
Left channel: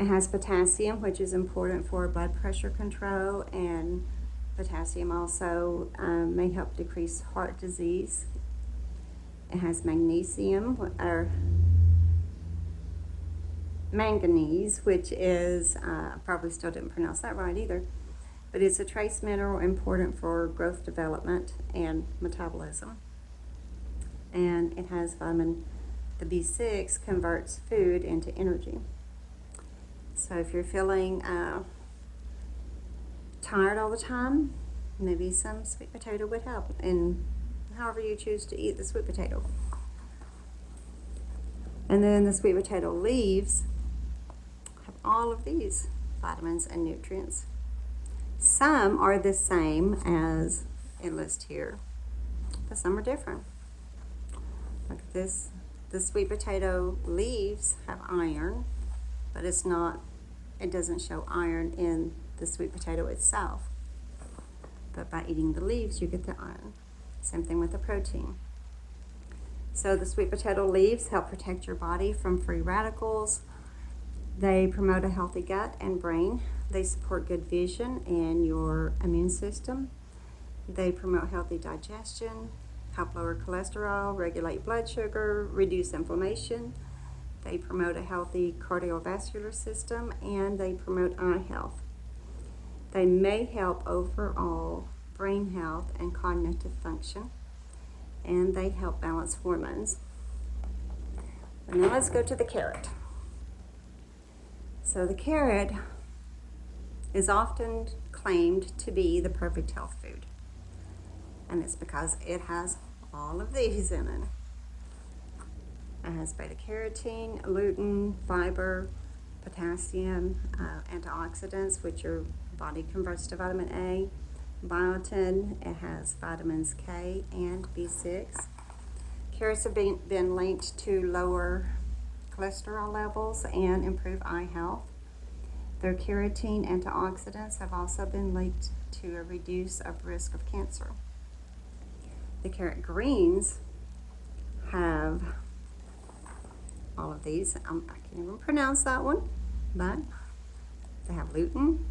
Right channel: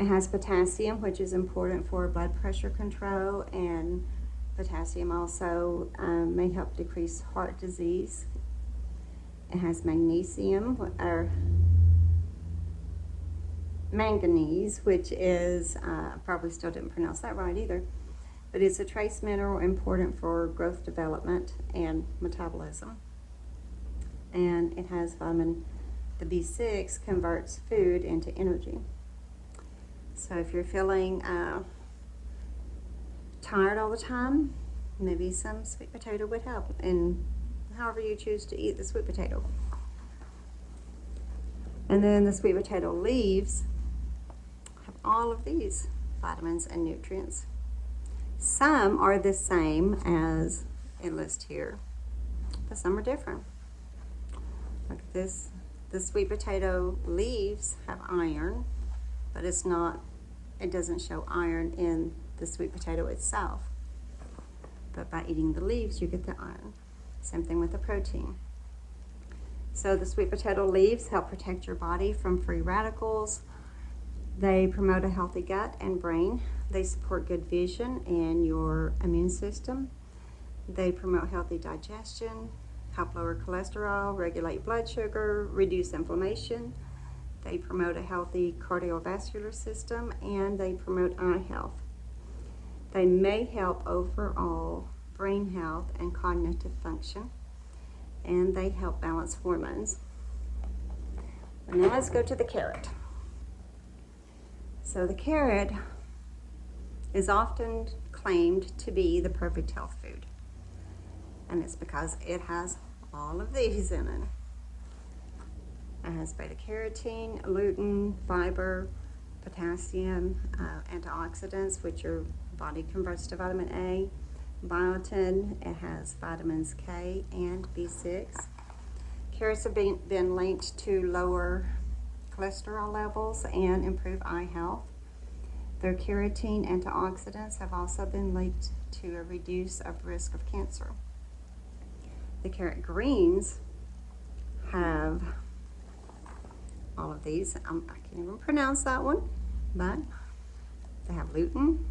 It has potassium, which is important for blood pressure control, and potassium also may help decrease heart disease. It has magnesium, or manganese, which is, I probably still didn't pronounce that right either, but it's a trace mineral important for growth development and metabolism. And it has the B6 converts food into energy. So if you're feeling tired all the time, maybe some sweet potato would help, and however you choose to eat the sweet potato. And then the sweet potato leaves have all of these vitamins and nutrients. Some are the same as it lists here, but some are different. Look at this. The sweet potato leaves have iron, but it doesn't show iron in the sweet potato itself. But by eating the leaves, you get the iron. Same thing with the protein. So the sweet potato leaves help protect your body from free radicals. They promote a healthy gut and brain. They support good vision and your immune system. They promote healthy digestion, help lower cholesterol, regulate blood sugar, reduce inflammation. They promote a healthy cardiovascular system, and they promote eye health. They may help overall brain health and cognitive function, and they help balance hormones. But now let's go to the carrot. So the carrot is often claimed to be the perfect health food, and it's because it has all of these in it. It has beta carotene, lutein, fiber, potassium, antioxidants, which your body converts to vitamin A, biotin, it has vitamins K and B6. Carrots have been linked to lower cholesterol levels and improve eye health. Their carotene antioxidants have also been linked to a reduce of risk of cancer. The carrot greens have all of these. I can't even pronounce that one, but they have lutein.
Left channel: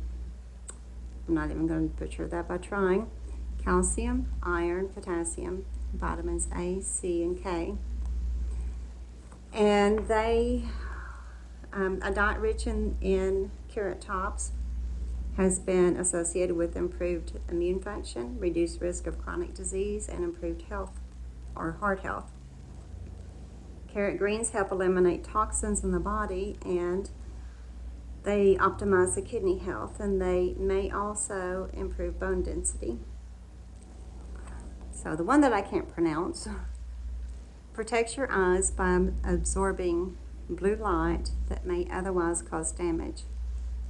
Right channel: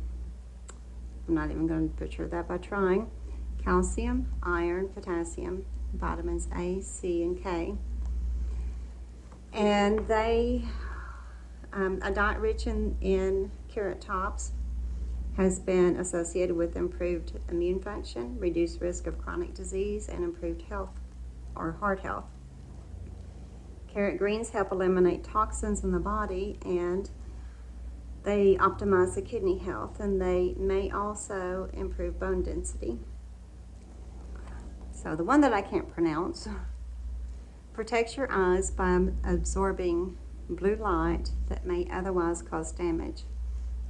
I'm not even going to butcher that by trying. Calcium, iron, potassium, vitamins A, C, and K. And they, a diet rich in carrot tops has been associated with improved immune function, reduced risk of chronic disease, and improved health or heart health. Carrot greens help eliminate toxins in the body, and they optimize the kidney health, and they may also improve bone density. So the one that I can't pronounce protects your eyes by absorbing blue light that may otherwise cause damage.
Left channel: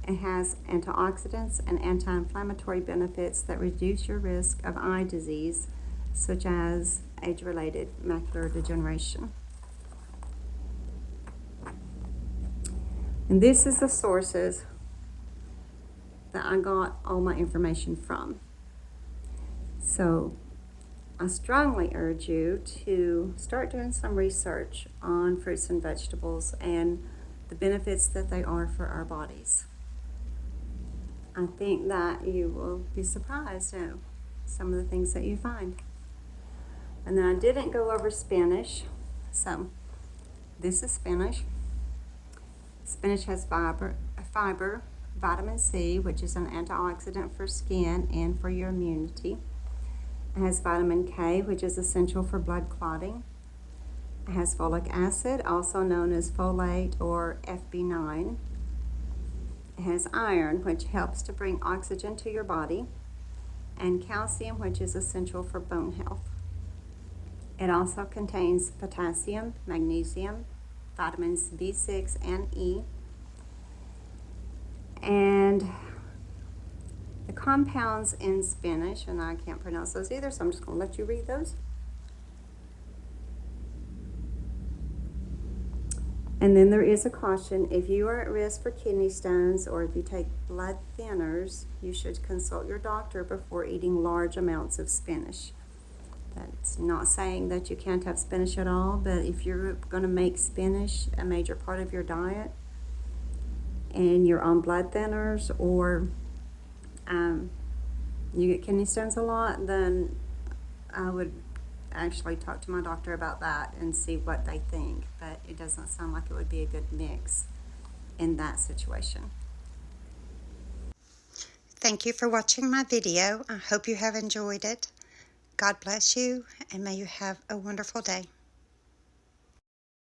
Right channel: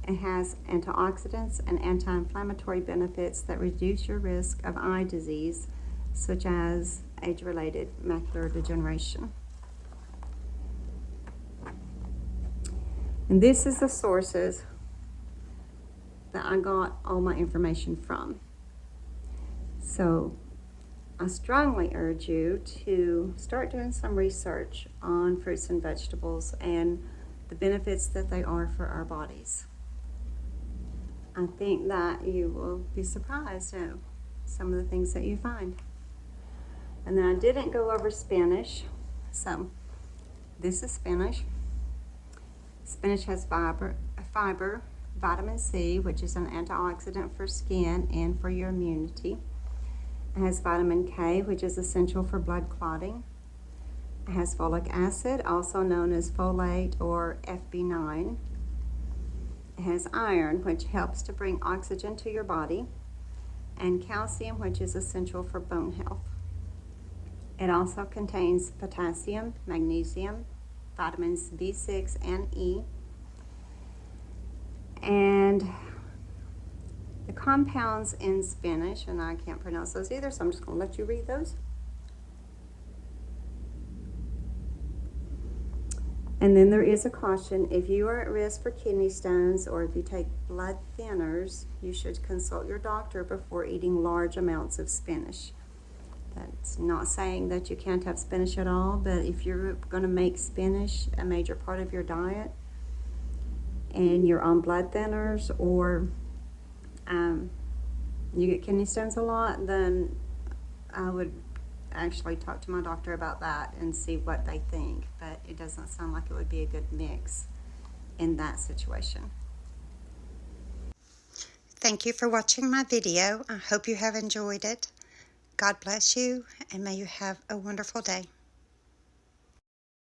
It has antioxidants and anti-inflammatory benefits that reduce your risk of eye disease, such as age-related macular degeneration. And this is the sources that I got all my information from. So I strongly urge you to start doing some research on fruits and vegetables and the benefits that they are for our bodies. I think that you will be surprised at some of the things that you find. And then I didn't go over spinach. So this is spinach. Spinach has fiber, vitamin C, which is an antioxidant for skin and for your immunity. It has vitamin K, which is essential for blood clotting. It has folic acid, also known as folate or FB9. It has iron, which helps to bring oxygen to your body, and calcium, which is essential for bone health. It also contains potassium, magnesium, vitamins B6 and E. And the compounds in spinach, and I can't pronounce those either, so I'm just going to let you read those. And then there is a caution: if you are at risk for kidney stones or if you take blood thinners, you should consult your doctor before eating large amounts of spinach. That's not saying that you can't have spinach at all, but if you're going to make spinach a major part of your diet and you're on blood thinners or you get kidney stones a lot, then I would actually talk to my doctor about that and see what they think. But it doesn't sound like it would be a good mix in that situation. Thank you for watching my video. I hope you have enjoyed it. God bless you, and may you have a wonderful day.